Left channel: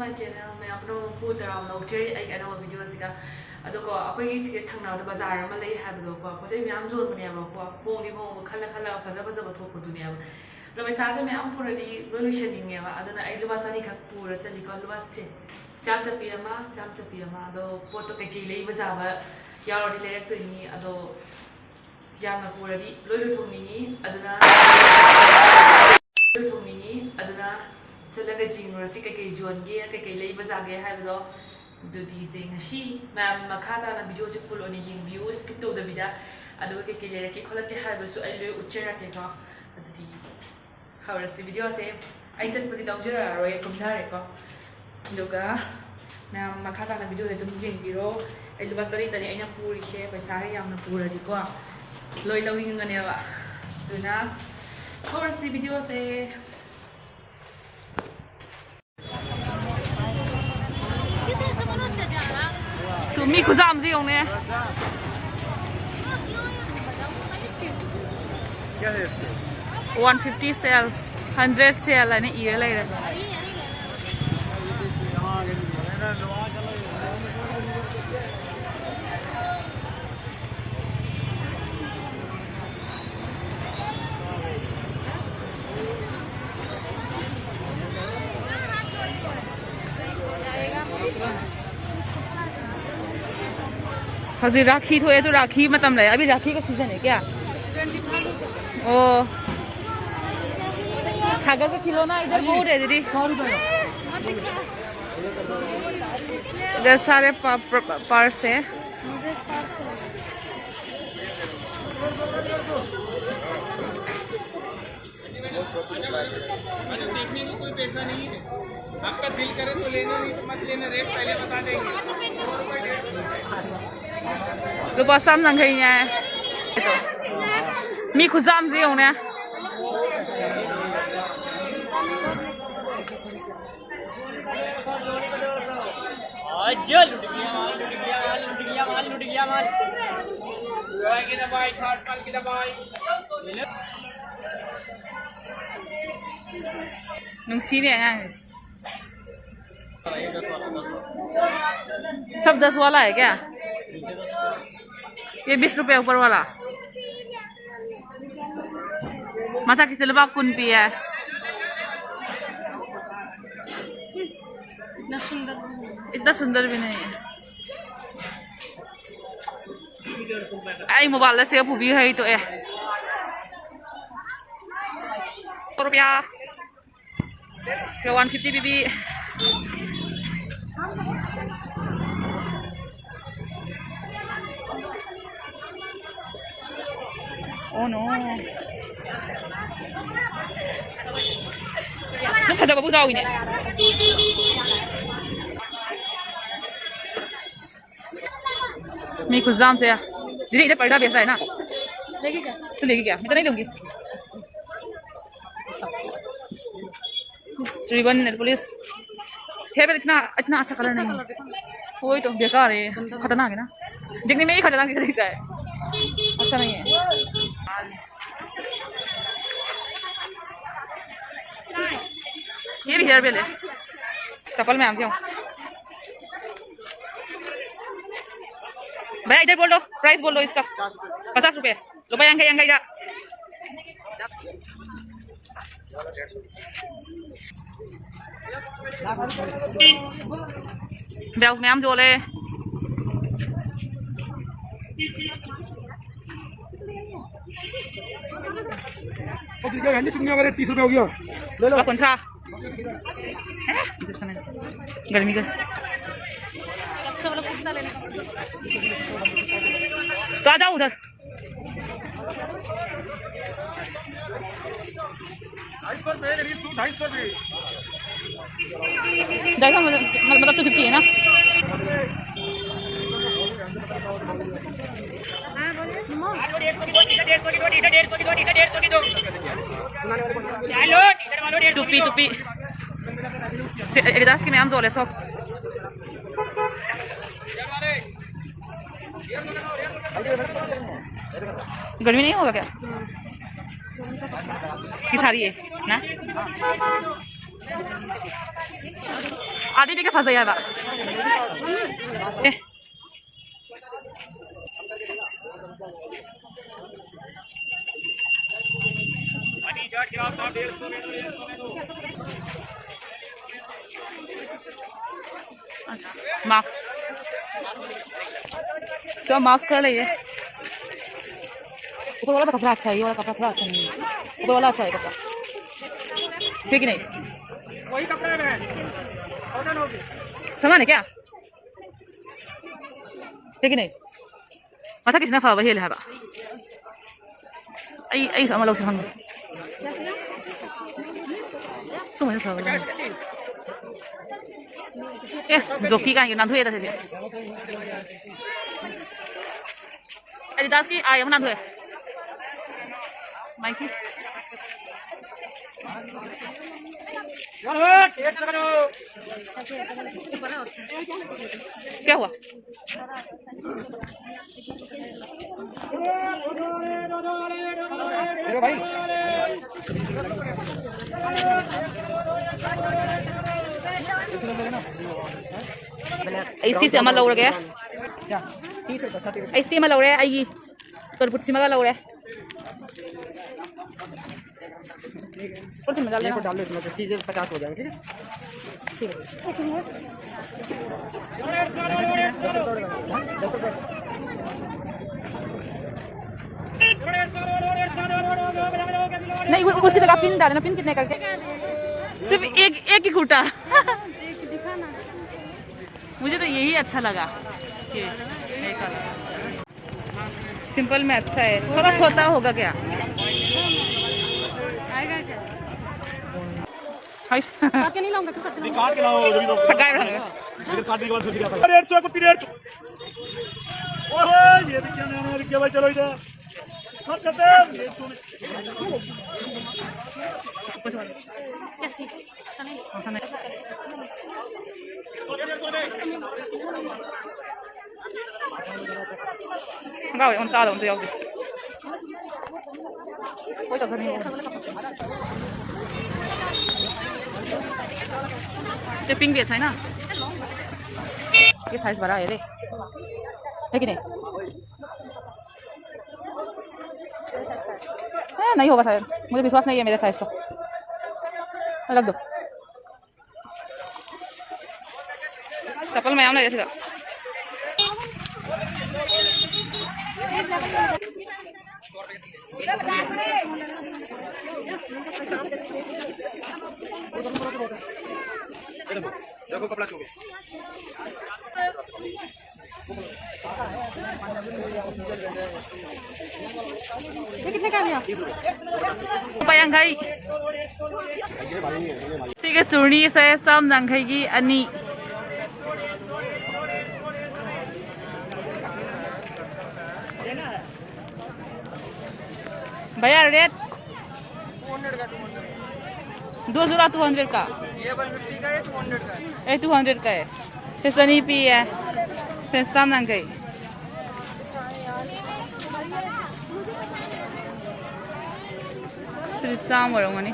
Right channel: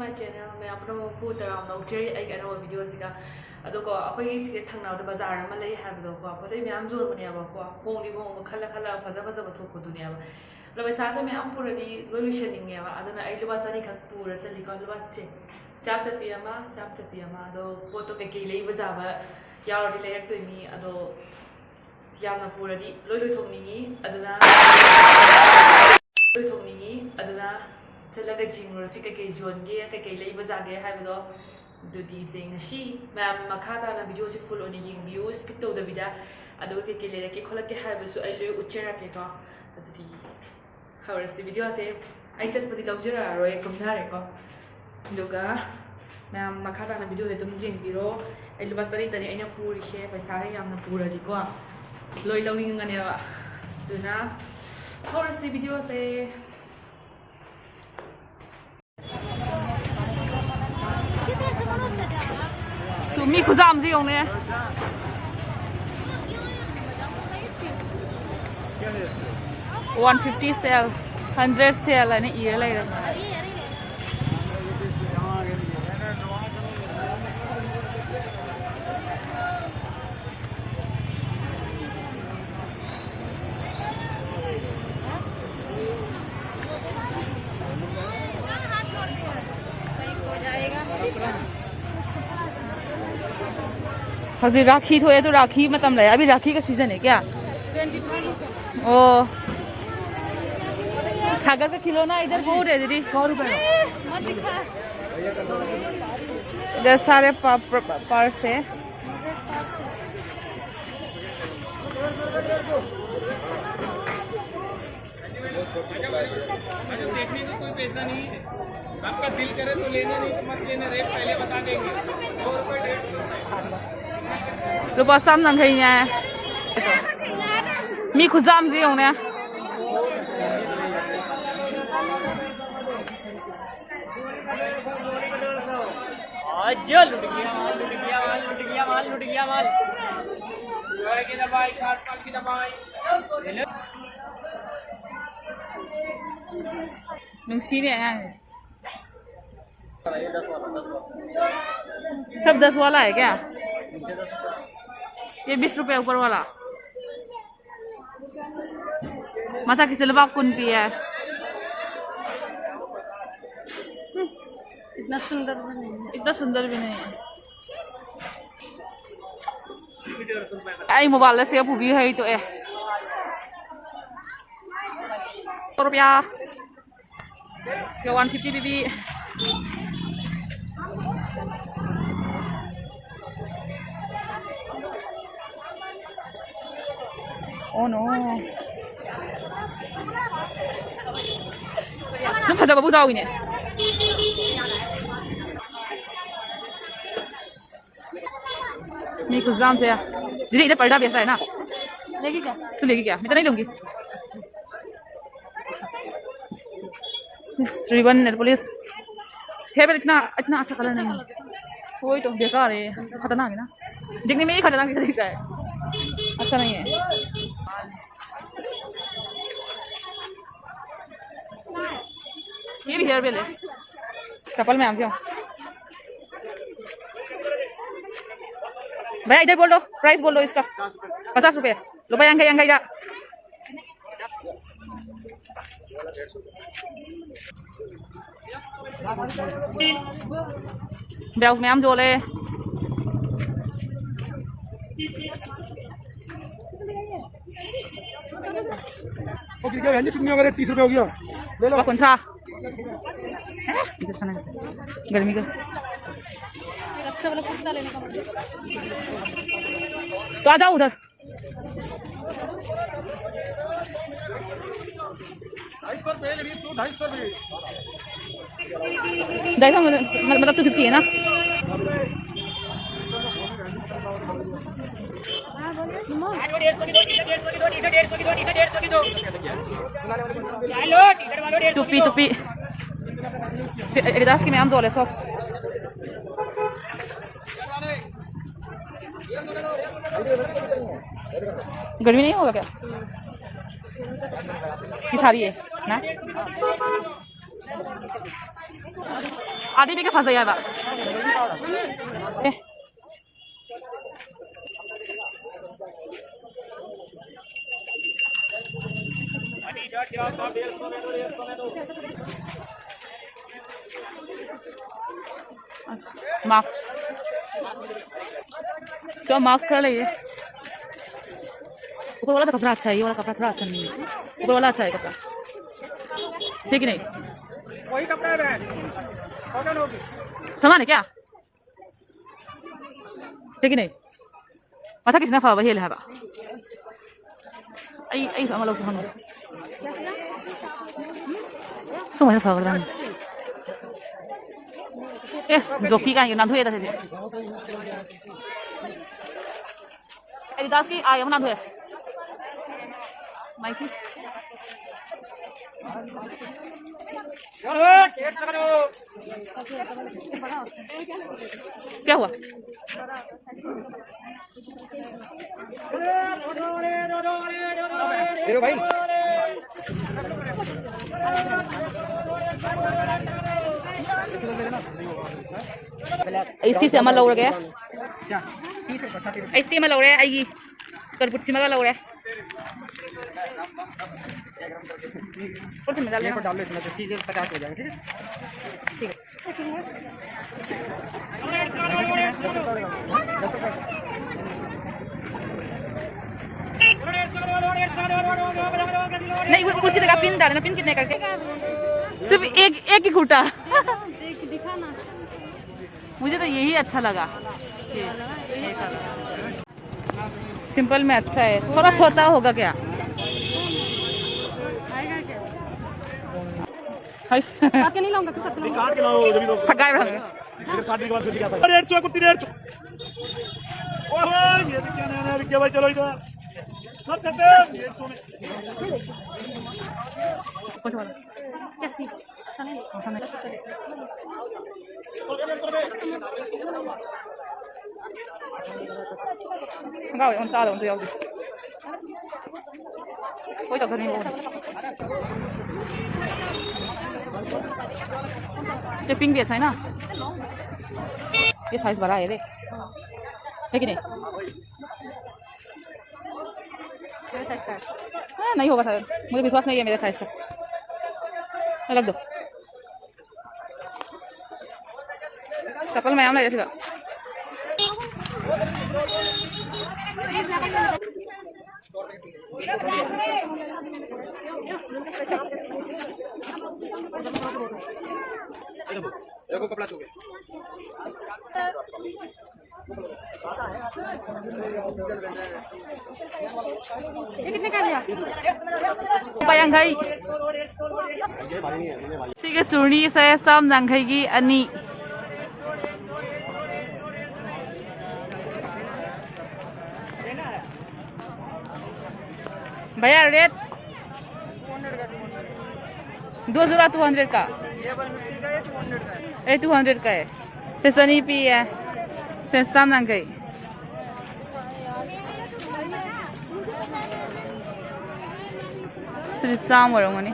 my channel. I am going to share a video. अदोको अखोई सिके थंगनाव बाजार अमा लई हाबदोको पोजै म्याम जोरमनेबको होंनि हो खला खला फजा फजा बथोकदुनेब लो पैसासे म्याम पुरली लोलुशनिंगेबा अदना आई लुबा चानी खक पुर चलिको लुबा चे चाप चपियामा अदो पोतो केके लई बजाबा यावरदि लेरक्तोइनी अदो यामना पुरदि लोलुथोंनिगी अदना चलगा जिंगरो सि केके जोनगे केके लई बजागे हाबदो दुदी जेंगशी मैम मखाता ना वीडियो से फुल ओनी येंबियो स्किप तो दबिदा अदो के लेरे के खोलके हाबसु आई लो उच्चरा के का दुदी हावरसी वीडियो से आई चटपति लौजरा रोय कुमधारे को दुगा मैम मखाता ना वीडियो तुम जेंबिरो आई लो बसरी तनी आइना पूरी से पैसा यामना पूरदि को लोय लौइंगनेवा दुना हावरसी वीडियो से मी खुजाम जी होंगे 150 सेल 100 सेल है ना ईयर ले रहे हजी राखी तो है तो राखी मतलब रहा अभी राखी का सीजन है क्या ओ सागर का खिलौना इधर बहुत है दीदी 100 रुपए इधर सारे पर्स है देखने का कोई पैसा नहीं है आपका दिल करे तो लेना नहीं मत लेना रेट पहले बता देंगे रुपा साम नंगई ने मी खुजाम जी होने आज लुट गया माल की दवाई खाट काल की दवाई ले लो नुंसी ने सब 10 वाला है क्या ये 20 रुपए ऊपर वाला माता किसी लबा कुन भी है इतना सुंदर भी नहीं है आई मोबाइल से अब भी है तो रुपया 150 बीबी Oh no. Nó phải bao giờ này. मैं खुजाम से दीदी इधर पर्दा बेचा है ना लेगी क्या तू लेगी क्या मैं तो नहीं दूंगी रिबन नेल पुलिस है पर इतना अच्छा कलर नहीं है वही तो बेकार है खतरनाक है ना देखने में ही खतरनाक दिखता है अच्छा नहीं है ये भी हेयर बेल है चप्पल में आम क्यों भैया इधर बोल दो प्राइस बोल दो इसका 50 रुपए लो भाई अंगई जा बेल में आम जोले ओके क्या है चुन्नी वगैरह 30 रुपए हो गया ले लो कौन सा गर्मी का अच्छा वाला पूछना लेने का तो आ जाओ उधर 250 मतलब तो 50 है ना टुपी एडिडास की मैं आम जोले सॉक्स गर्मी नहीं होगा क्या? की सारी है ना आदि भी के फंस गया बा मार्क्स तो मार्क्स कर लीजिए ऊपर वाला तो कपड़ा अच्छा है ये वाला कपड़ा थोड़ा अच्छा नहीं है ऊपर वाला अच्छा है कपड़ा ठीक नहीं वही कपड़ा है समान है क्या ठीक नहीं माथा किसने फा वही ले हवा आई sama lau sihang semua itu fawal joki kan yang nanti ada sih Adidas ki ayam nanti Nike क्या हुआ भाई ऐसी से अमल लग रहा है ऐसी अमल लग रहा है आएगी करपुच्ची मगा लग रहा है और में डाल लेना डाल ले तो सीधे 50 हो जाएगा ठीक है नहीं उसकी जगह पिन डालना पिन कितने करके सिर्फ एक ही खूटा मुझे तो यही अच्छा लगा ये कलर सिंपल में अच्छा है थोड़ा सोता होगा क्या नहीं लाऊंगा तो काट के लाओ सगाई रंग मेरे काट के बाद सुधी आता रेट तो कुत्ती रेट ओए ये क्या ना क्या भाई चलो इधर हट चलते ये तो कुछ वाला कैसी चले ऐसा नहीं गाओ उन चारों उन जाओगे कोई तो घर में ये पिंक भी अच्छा है ना ये साइज बड़ा है रे है कि नहीं नहीं होगा शायद मुझे विश्वास नहीं है मेरे साइज का रख दो चप्पल में आम नहीं जैसे देखो कपड़ा चुके ये कितने का लिया Bayangkai Sige surni saya sam nangkai gi ani भैया रेट 200 का 2 जोड़ा 200 का ये 150 का है 200 का है ये 200 का है फिर सनी पी है फिर sam nangkai Sam orang ni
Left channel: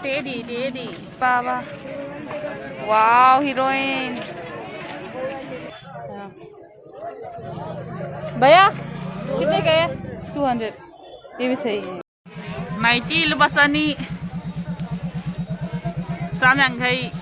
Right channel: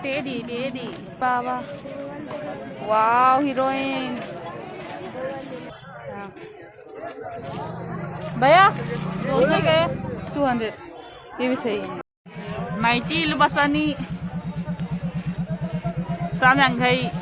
Daddy Baba wow heroine भैया कितने का है 200 ये भी सही है माइटी लुबासानी sam nangkai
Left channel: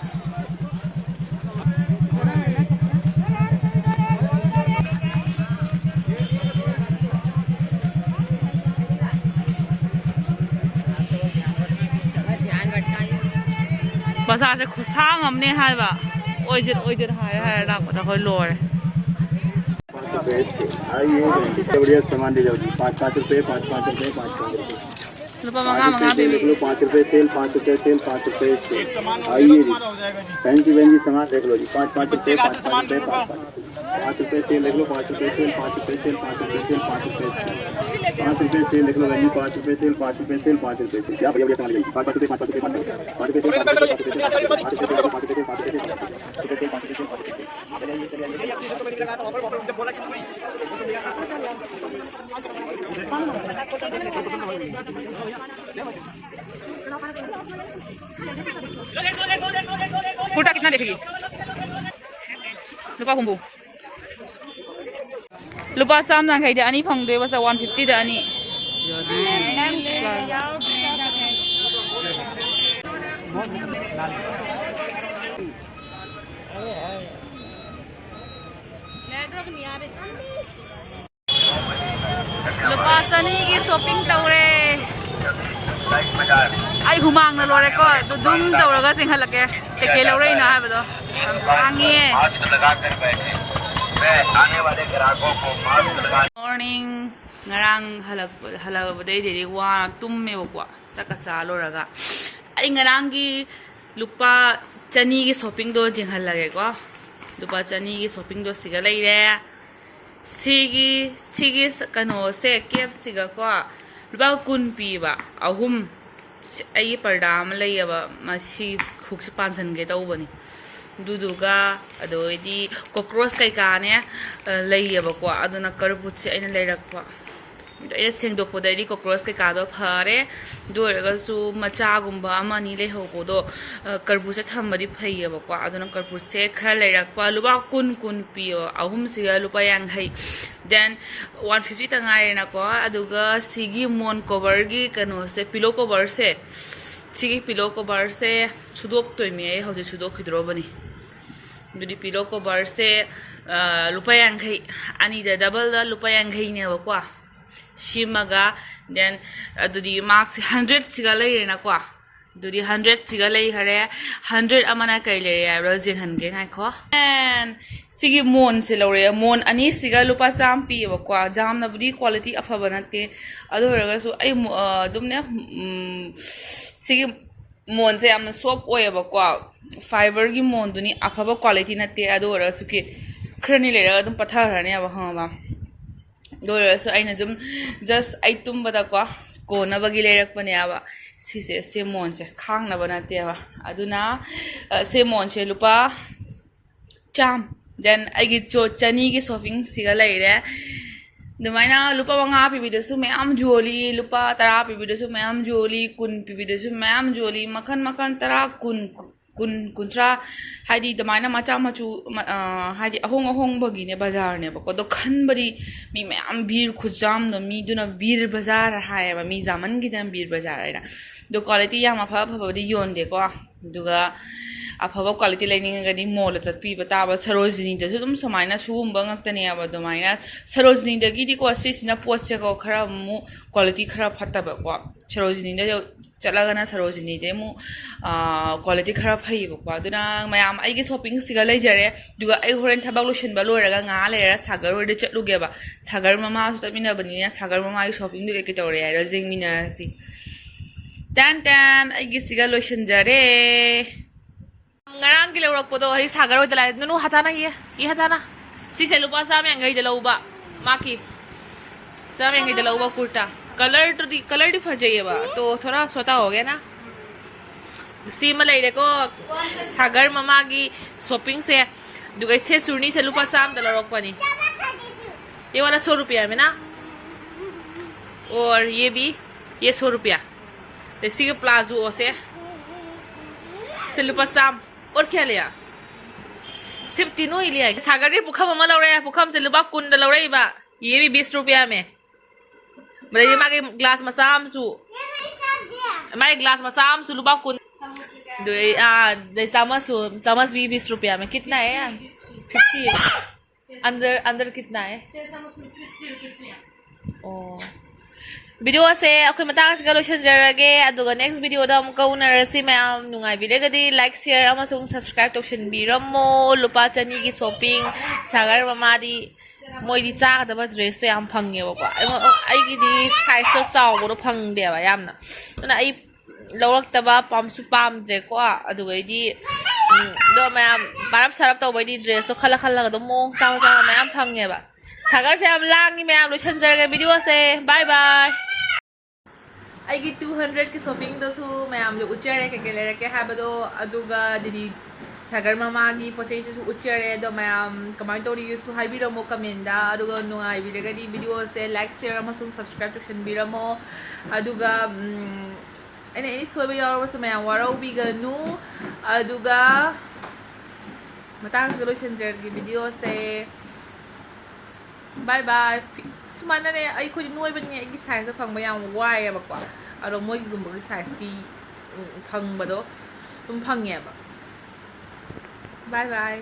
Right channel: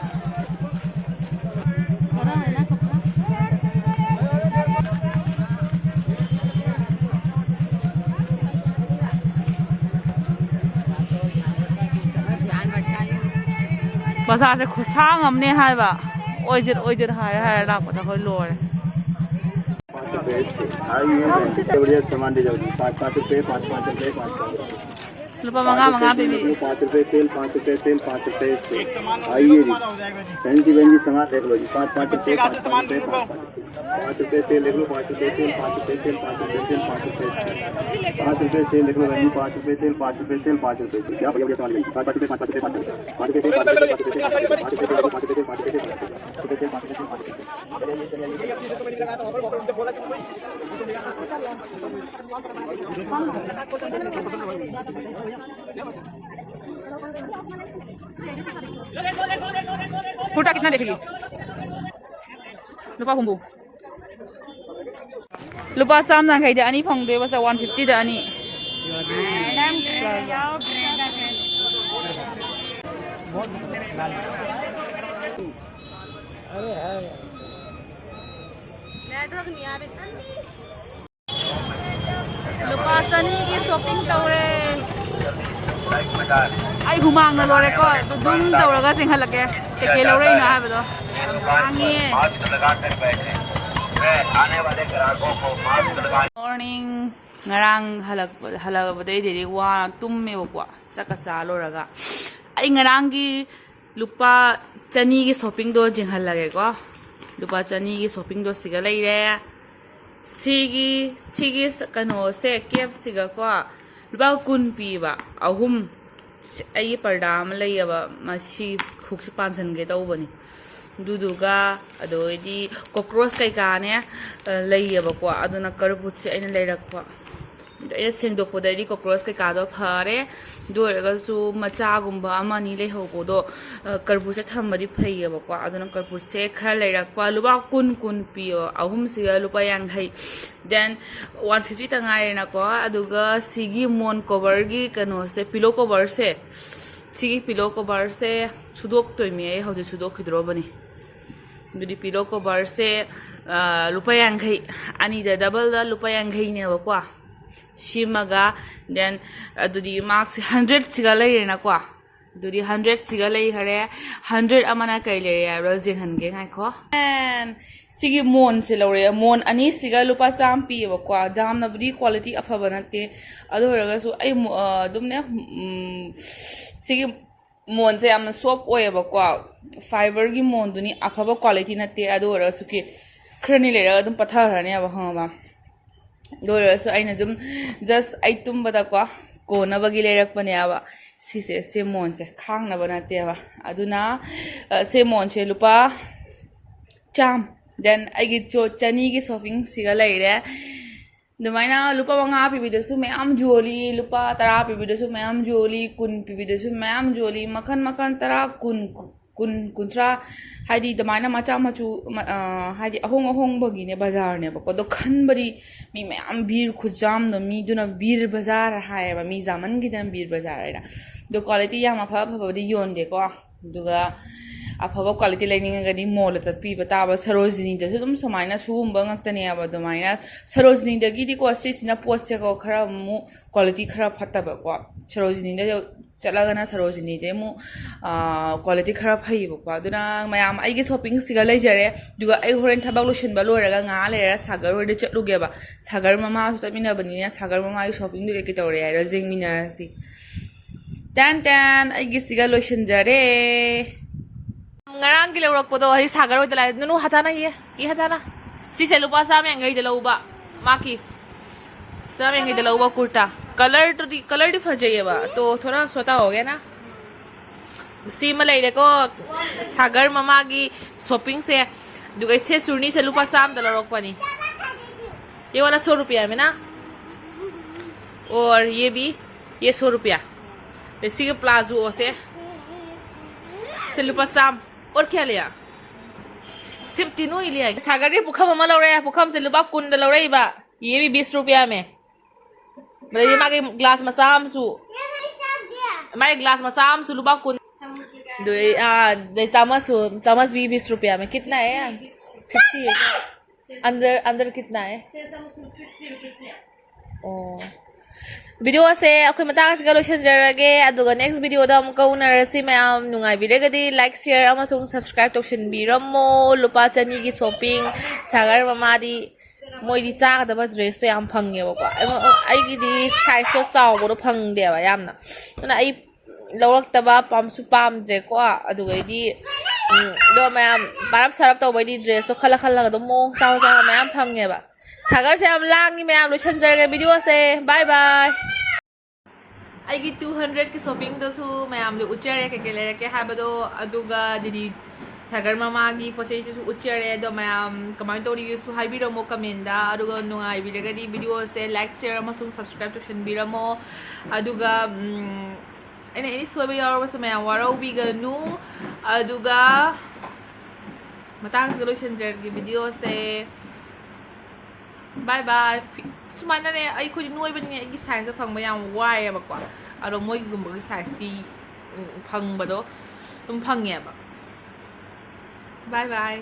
बाजार से खुशांग हमने हाय बा ओइजर हाय लाख बता कोई लोर बढ़िया सामान ले जाओगी 5 रुपए 5 रुपए 5 रुपए रुपया मंगा भी 5 रुपए सेल 5 रुपए सेल 5 रुपए आइए जी फैंसी वेंजी सामान देख लो जी 5 रुपए 5 रुपए सेल देख लो 5 रुपए सेल 5 रुपए सेल 5 रुपए सेल 5 रुपए सेल देख लो वेंजी 5 रुपए सेल 5 रुपए सेल 5 रुपए सेल क्या बढ़िया सामान ले 5 रुपए 5 रुपए 5 रुपए 5 रुपए lupa humbu lupa sam nang khai da ani phang de basa 150 da ani lupa chani ki shopping tawre ai humang na lore ko dum tawraga singhalake te ke lore na ha bado angi morning ngarang halak badai diri wa tumme bokwa chaka chalo raga ai ngarang gi lupa chani gi shopping do jinghal lage ko lupa chani gi shopping do siga leire sigi kano se kep siga ko lupa kun pi ba ahum ai parda am leiba masi khukse pansan ge tawbani duduga adoidi cockroach kai ka ne leiba ko aduna karbut se aina leirakwa ai sengdok podai cockroach kai ka do phare doraga su macha gumba amani le hobo do karbut se thambadi phaiba ko aduna karbut se khar leirakwa luba kun pio ahum siga lupa yang hai then 150 tangai na ko aduga sigi mon cover gi kano se pillow cover se sigi pillow cover se chudok toime ai hoje chudok khidro bani dudi pillow cover se lupa yang hai ani da double da lupa yang hai ne ba kwa shimaga then adudi marks 100 siga lai na kwa dudi 100 siga lai hare 100 amana kai le ya ro jing han ge ngai kho and sigi mon se lore mon ani siga lupa cham pi ba kwa jam na budi quality afa banate ado raga su ai dumne sigi mon se amna soft oy ba kwa fiber gi mon duni afa ba quality nate ado raga su ki khrani le raga dum pathar ne ba ha ba do raga su aina jum just ai tum bada kwa ko na bagi le rak pane aba se mon se khang na banate ba aduna se mon se lupa cham then I get chani ki shopping siga laire dumaina lupa wanga pibido su mayam joli lupa tara pibido su mayam joli kun pibido su mayam joli makan tara kun tra haidi dumaina macha machu haidi ahong bagi ne bazar ne ba ko do khan bari mi mayam bir khujam no mi duna bir bazar hai ba mi zaman gidan bir bazar ira do quality ya ma pha badi yon de ko duga afaba quality lining gadi mall chatpi bataba sarojini da sudum samaina sugumba ngaktani aba domaina sarojini da gidi ko asisina post che ko khara mu quality khara phataba ko sarojini da chalaga na sarojini de mu quality khara phai ba ko aduna mayam ai gi shopping siga leijare duga ai horen thabak lotion ba loraga nga lera sagar ode chatluge ba sagar mama su tamina bani na sagar mama ai shopping du ke tore ai rojing mina si tan ai gi siga lotion jare ngarang ki lawrak podo hi sagar oi dalai nanu hatana ye hatana si se lupa sa me ngai dalauba maki sa me ngai dalauba kurta color di fajaye ba to thoda sota ho gaya na si malai le ko sagar mama ki shopping se dugai se surni se lupa sam dalawrak pani ये वाला 100 रुपया में ना और ये भी ये 100 रुपया इसी के प्लाजो से लुपा साम और क्या लिया सिर्फ तीनों ही लिया सागर के पुखम ममा लौरे पुखम से लुपा कुंड लौरे बा ये भी 20 रुपया में मतलब ये माके ग्लास मसाम सु हमारे ग्लास मसाम सु लुपा कुंड दे चम्मच भी 20 रुपया में कितना है यार 50 अंदर कितना है ओ वीडियो से अखोई मतांग से लोशन जरगे अदुगा नेक्स्ट वीडियो दा अमुक उनरसी मैम नुंगाई बिरेगदी लाइक शेयर अमसुंग सब्सक्राइब तौशन बिरमो लुपा चनी की शॉपिंग सागर ममादी मोइदी चागदबा ड्रेस याम फंगेबको आइगिदी साइज तो चावबो फंगदेबा यामना तना आई लौरक्तबा पामसु पामद्रेको अदुगैदी दो मैम बारब सरब तौबैदी ड्रेस तो खला दो मो चाव मैम फंगेबा सागर से हम लांगी मैम लोशन जरगे वीडियो से बाय बाय आइगी 200 की शॉपिंग दसु मैम लो उच्चरे के लेरके हाबदो अदुगा दिदी सागर मामागी पोचै सु उच्चरे दो मैम कमेंट तोरी सु हाइबिरमो कमेंट दा अदुगा नुंगाई बिरगदी वीडियो से लाइक शेयर अमसुंग सब्सक्राइब टू बिरमो अदुगा एनी सोबे यावस मैम वारो बिगनु अदुगा ꯃꯇꯥꯡꯁꯤꯗ ꯂꯣꯏꯁꯤꯟꯖꯔꯒꯦ ꯚꯤꯗꯤꯑꯣꯁꯦ ꯕꯥꯏ ꯕꯥꯏ ꯁꯨꯃꯥꯏꯅꯅꯦ ꯑꯩꯈꯣꯏꯗꯤ ꯅꯣꯏꯕꯅꯤꯅꯦ ꯑꯩꯒꯤ ꯁꯥꯏꯖꯇ ꯐꯪꯕ ꯌꯥꯝ ꯋꯥꯏꯑꯦꯕꯀꯣ ꯑꯗꯣ ꯃꯣꯏꯒꯤꯒꯨꯝꯕꯒꯤ ꯁꯥꯏꯖꯇꯤ ꯐꯪꯕꯗꯣ ꯑꯗꯨꯝ ꯐꯪꯉꯦꯕ ꯕꯥꯏ ꯕꯥꯏ